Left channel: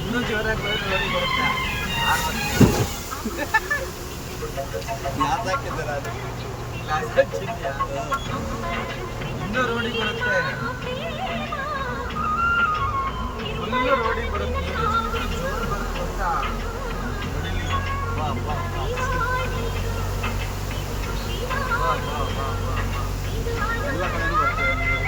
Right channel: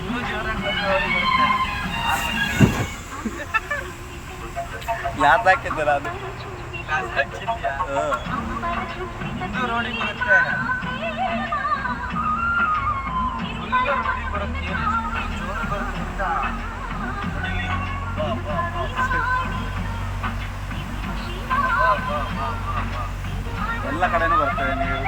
ಇನ್ನೂ ಜೋರಾಗಿ ರೋಡಿಗೆ ಬರುತ್ತೆ. ಗ್ಲಾಸ್ ಹಾಕಿದ್ದೀರ ಅದು ಇನ್ನೂ ರೋಡಿಗೆ ಬರುತ್ತೆ. ಫುಲ್ಲು ರೋಡಿಗೆ ಬರುತ್ತೆ. ನೀರು ಎಷ್ಟು ಜೋರು ಬರುತ್ತೆ ಅಂತ ನೋಡಿಲಿ. ಬಾ ಬಾ ಬಾ ಬಾ ಬಾ ಬಾ ಬಾ. ಎಲ್ಲ ಕಡೆನೂ ಬರ್ತದೆ ನೀರು.